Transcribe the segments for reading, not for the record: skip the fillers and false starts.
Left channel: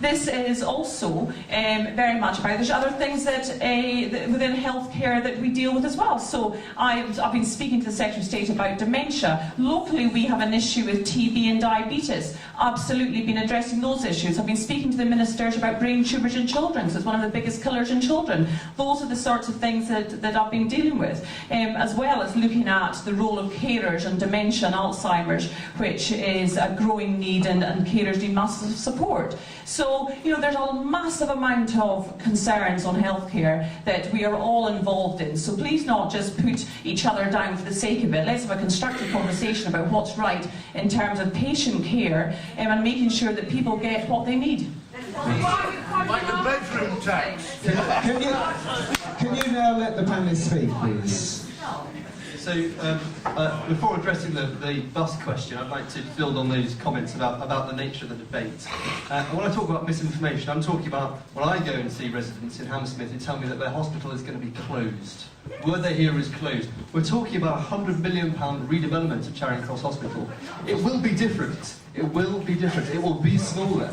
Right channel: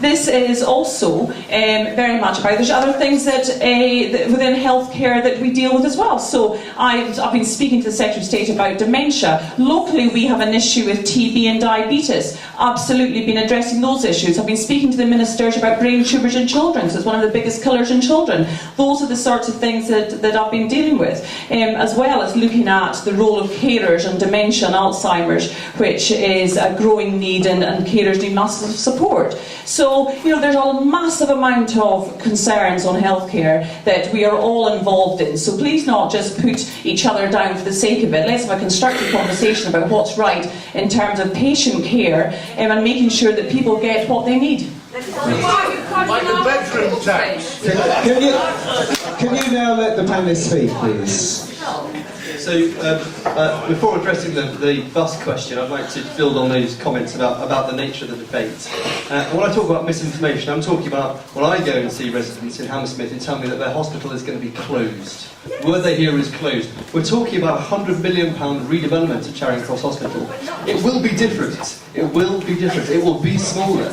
This is also very much about. There's other things that within healthcare that we deal with as well. So I've been speaking to the Secretary of State about dementia. Locally, we have an issue with TB and diabetes. Absolutely been addressing those issues. I've been speaking to the ministers about brain tumours in children. So it's one of the biggest killers in children. Those are the sorts of things that I've been dealing with, as well as looking at the role of carers and dementia and Alzheimer's, which is a growing need, and carers need massive support. So, you know, there's a massive amount of concerns on healthcare that we are all involved in. So please not just put each other down for the sake of it. Let's have a constructive conversation about what's right in terms of patient care and making sure that people get what they need. Like the bedroom tax. Can you now let the panellists speak, please? So, before addressing the bus question, I'd like to build on those comments about the nature of the debate. When I talk about misinformation, I'm talking about when I go and see residents in Hammersmith who tell me that their hospital is going to be closed. The word they hear is closed. We're talking about a £100 million redevelopment of Charing Cross Hospital. It will be different. It will be different. It will be smaller.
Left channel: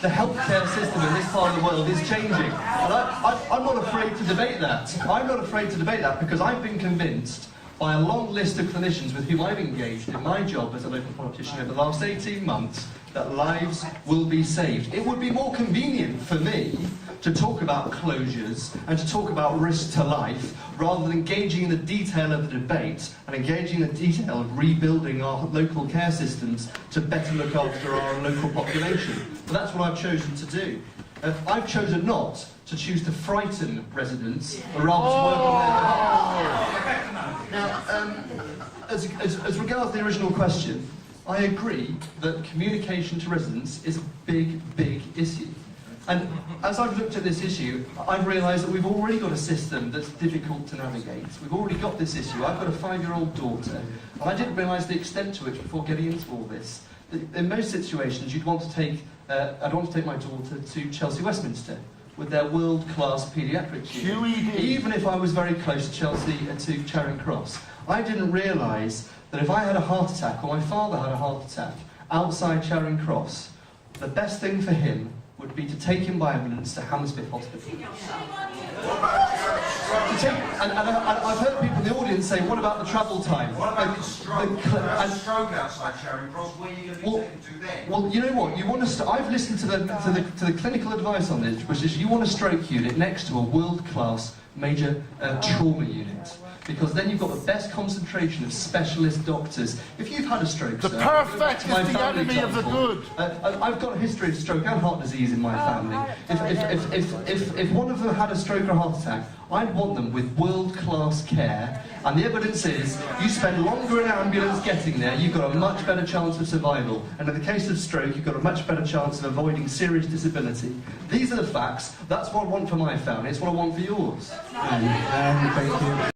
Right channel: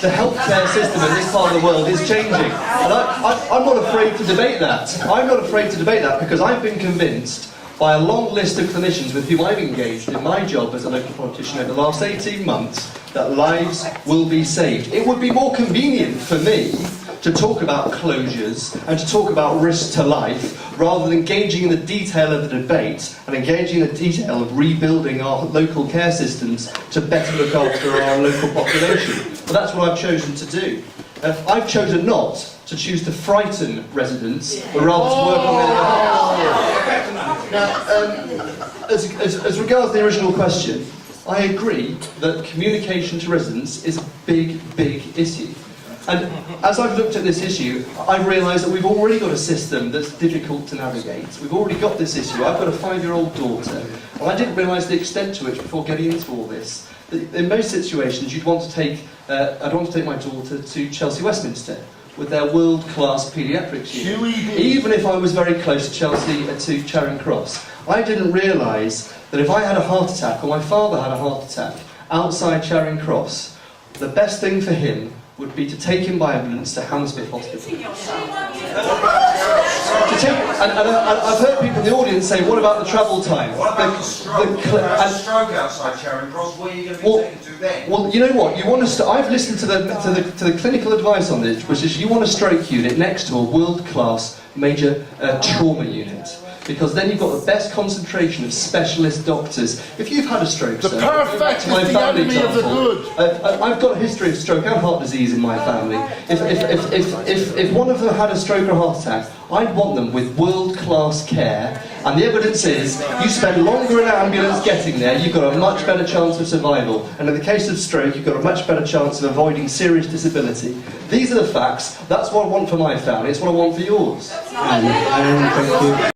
The healthcare system in this part of the world is changing. And I'm not afraid to debate that. I'm not afraid to debate that because I've been convinced by a long list of clinicians with whom I've engaged in my job as a local politician over the last 18 months that lives will be saved. It would be more convenient for me to talk about closures and to talk about risk to life rather than engaging in the detail of the debate and engaging in the detail of rebuilding our local care systems to better look after our local population. But that's what I've chosen to do. I've chosen not to choose to frighten residents, but rather to work on their behalf. Now, as regards the original question, I agree that communication to residents is a big, big issue. And as I've looked at this issue, I've realised that we've already got a system that's difficult to navigate. We've already got this issue. I've got a 5-year-old daughter, and I didn't realise the extent to which, before getting into all this, that in most situations you'd want to take, I'd want to take my daughter to Chelsea Westminster with their world-class paediatrics unit. Even if I was very close to Chelsea to Charing Cross. I didn't realise that if I had a heart attack, or my father had a heart attack, outside Charing Cross, the best thing for him would be to take him by ambulance to Hammersmith Hospital. And I've heard people in the audience say, what about the travel time? What about the stroke? Stroke outside Charing Cross, where are you going to be taken to then? Well, you know what? You want to. I've listened to the clinical advice on this, which is you want a stroke unit next to a world-class major trauma unit. Because then you've got the best concentration of specialist doctors. If you've had a stroke, the perfect is the enemy of the good. I've got a history of stroke and heart disease in my family. If one of them had a stroke or heart attack, I'd want them with world-class care. And the evidence is, you spend longer in an ambulance getting there, you've got a much better chance of survival. And in the case of stroke, you've got a much better chance of avoiding serious disability. These are the facts. That's what I want for my family. It's what I want for yours. And thank you.